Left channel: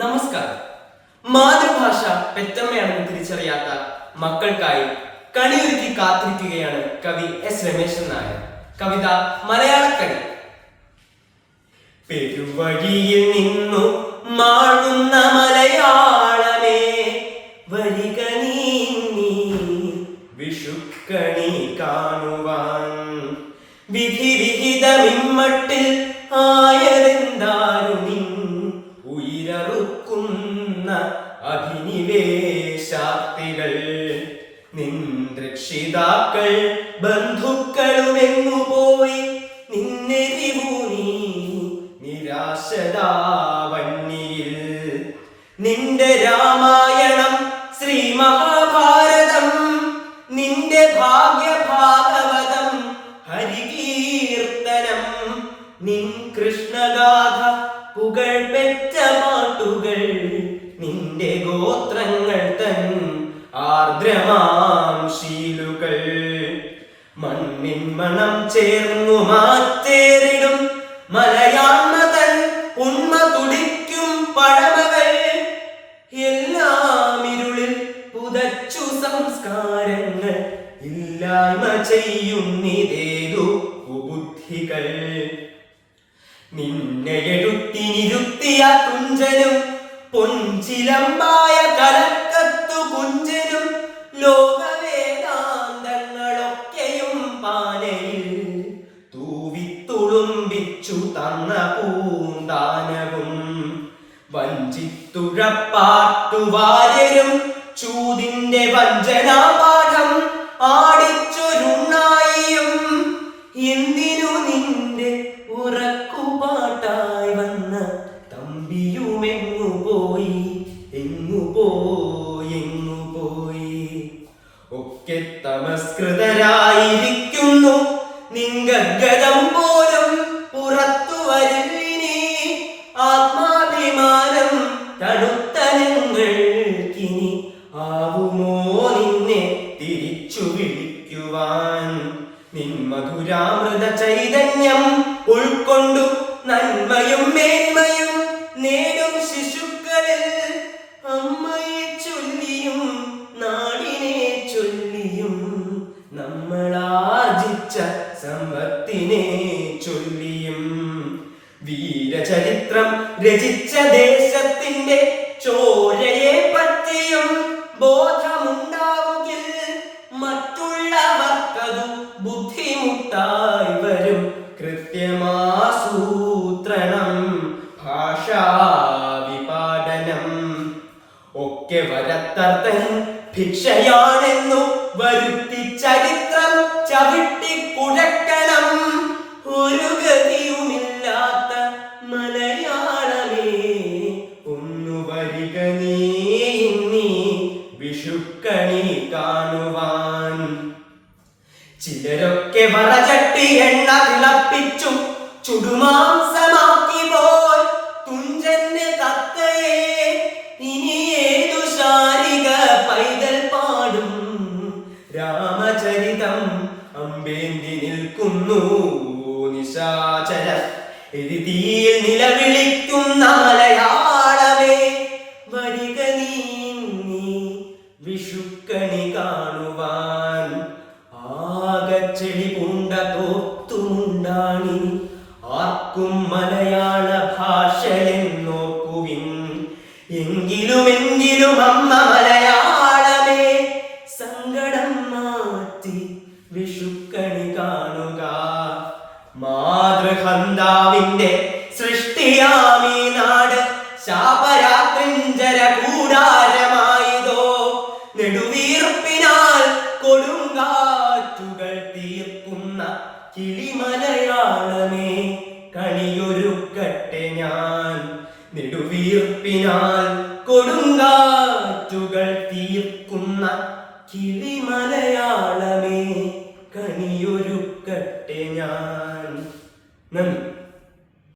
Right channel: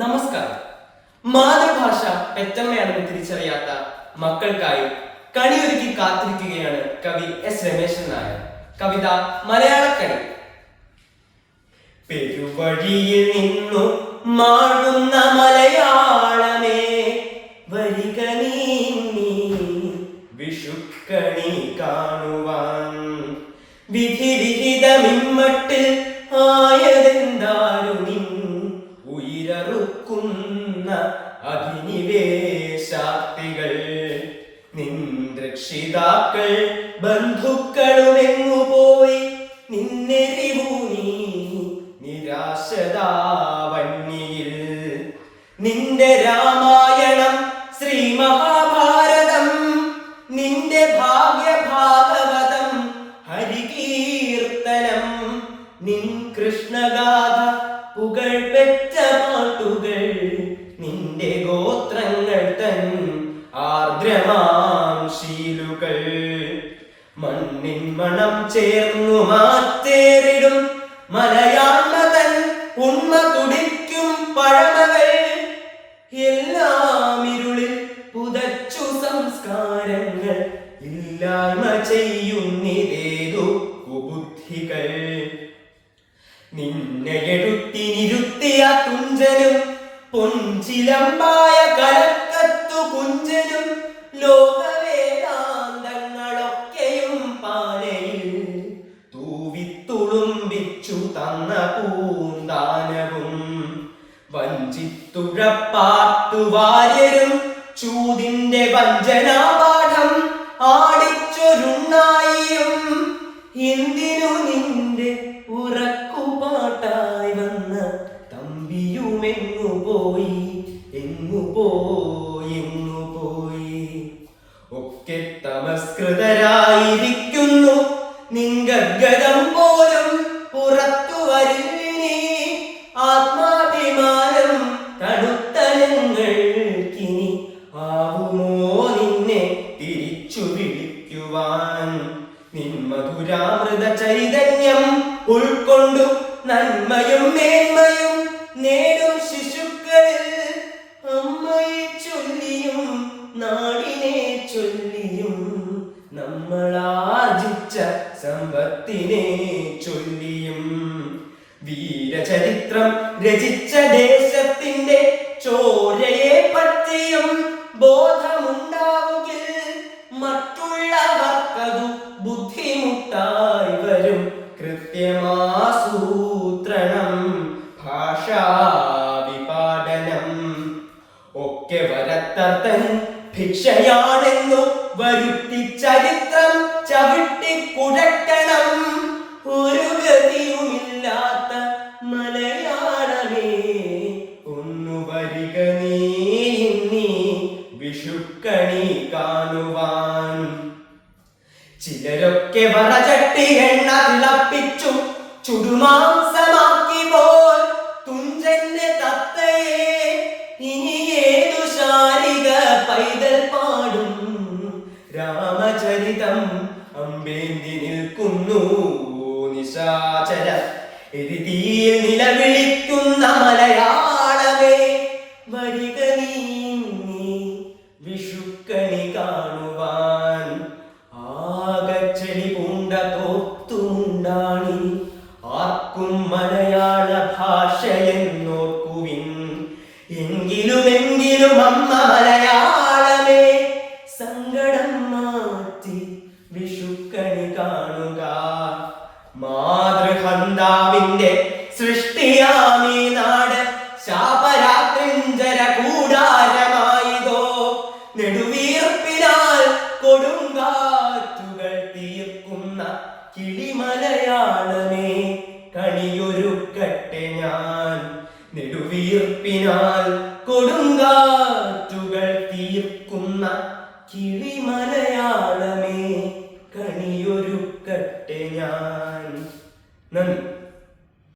നമസ്കാരം. മാതൃഭാഷ പെറ്റമ്മയാണെന്ന് തിരിച്ചറിയാത്ത മക്കൾക്കായി കണിയൊരുക്കി കാത്തിരിക്കുകയാണ് കവി എസ് രമേശൻ നായർ. കവിത മലയാളക്കണി. പെരുവഴിയിൽ നിന്നു മാഴുന്ന മലയാളമേ, വരിക നീ വിഷുക്കണി കാണുവാൻ. വിധി വിഹിതമിമ്മട്ടിൽ ആയതെന്താരു നിൻ ഉയരറുക്കുന്ന അഭിനിവേശാക്തികൾ. നിൻ രക്ഷിതാക്കൾ ബന്ധുക്കളുമെങ്ങുപോയി നിന്നെരിവു നീ നിരാശതാവന്നിയിൽ. നിന്റെ രാമായണം ശ്രീ മഹാഭാരതം, നിന്റെ ഭാഗ്യഭാഗവതം ഹരികീർത്തനം, നിൻ കൃഷ്ണഗാഥ പുകൾ പെറ്റ പാട്ടുകൾ, നിന്റെ ഗോത്രങ്ങൾ തൻ ആർദ്രമാം ശീലുകൾ. മണ്ണിൻ മണം ചേർന്നു മാറ്റേറിടും മലയാള തൻ ഉണ്മ തുടിക്കും പഴമകൾ. എല്ലാം ഇരുളിൽ പുതച്ചു സംസ്കാരങ്ങൾ, ഇല്ലായ്മ ചെയ്യുന്നിതേതു കുബുദ്ധികൾ. നിന്നെ എടുത്തിനിരുത്തിയ തുഞ്ചനും പൊഞ്ചിലമ്പായ കലക്കത്തു കുഞ്ചനും ലോകവേദാന്തങ്ങളൊക്കെയും പാനയിൽ തൂവിത്തുളുമ്പിച്ചു തന്ന പൂന്താനവും. വഞ്ചിത്തുഴപ്പാട്ടുവാര്യരും ചൂതിന്റെ വഞ്ചനാപാഠം ആടിച്ചൊരുണ്ണായിയും. എന്തിനു നിന്റെ ഉറക്കുപാട്ടായി വന്ന തമ്പിയുമെങ്ങുപോയി, എങ്ങുപോയി. ഒക്കെ തമസ്കൃതരായിരിക്കുന്നു, നിങ്കഗതം പോലും പുറത്തു വരില്ലിനി. ആത്മാഭിമാനം തണുത്തലങ്ങൾക്കിനി ആവുമോ നിന്നെ തിരിച്ചു വിളിക്കുവാൻ. നിൻ മധുരാമൃത ചൈതന്യം ഉൾക്കൊണ്ടു നന്മയും മേന്മയും നേടും ശിശുക്കളിൽ. അമ്മയെ ചൊല്ലിയും നാടിനെ ചൊല്ലിയും നമ്മളാർജിച്ച സമ്പത്തിനെ ചൊല്ലിയും. വീരചരിത്രം രചിച്ച ദേശത്തിന്റെ ചോരയെ പറ്റിയും ബോധമുണ്ടാവുകിൽ മറ്റുള്ളവർക്കതു ബുദ്ധിമുട്ടായി വരും. കൃത്യമാസൂത്രണം ഭാഷാവിപാടനം ഒക്കെ വരത്തർത്തൻ ഭിക്ഷയാണെന്നു വരുത്തി ചരിത്രം ചവിട്ടിക്കുഴക്കണം. ഒരു ഗതിയുമില്ലാത്ത മലയാളമേ, ഒന്നു വരിക നീ വിഷുക്കണി കാണുവാൻ. ചിലരൊക്കെ വറചട്ടി എണ്ണ തിളപ്പിച്ചു ചുടുമാംസമാക്കി പോൽ തുഞ്ചന്റെ തത്തയെ ഇനി ഏതു ശാരിക പൈതൽ പാടും. രാമചരിതം അമ്പേന്തി നിൽക്കുന്നു നിശാചര എഴുതിയിൽ നിലവിളിക്കുന്ന മലയാളമേ, വരിക നീ വിഷുക്കണി കാണുവാൻ. ആകച്ചെടി പൂണ്ട തോത്തുമുണ്ടാണി ആർക്കും മലയാള ഭാഷയെന്നോർക്കുവിൻ. എങ്കിലും അമ്മ മലയാളമേ, സങ്കടം മാറ്റി വിഷുക്കണി കാണുക. മാതൃഹന്താവിന്റെ സൃഷ്ടിയാമീ നാട് ശാപരാത്രിഞ്ചര കൂടാരമായതോ. നെടുവീർപ്പിനാൽ കൊടുങ്കാറ്റുകൾ തീർക്കുന്ന കിളിമലയാളമേ, കണിയൊരുക്കട്ടെ ഞാൻ. നെടുവീർപ്പിനാൽ കൊടുങ്കാറ്റുകൾ തീർക്കുന്ന കിളി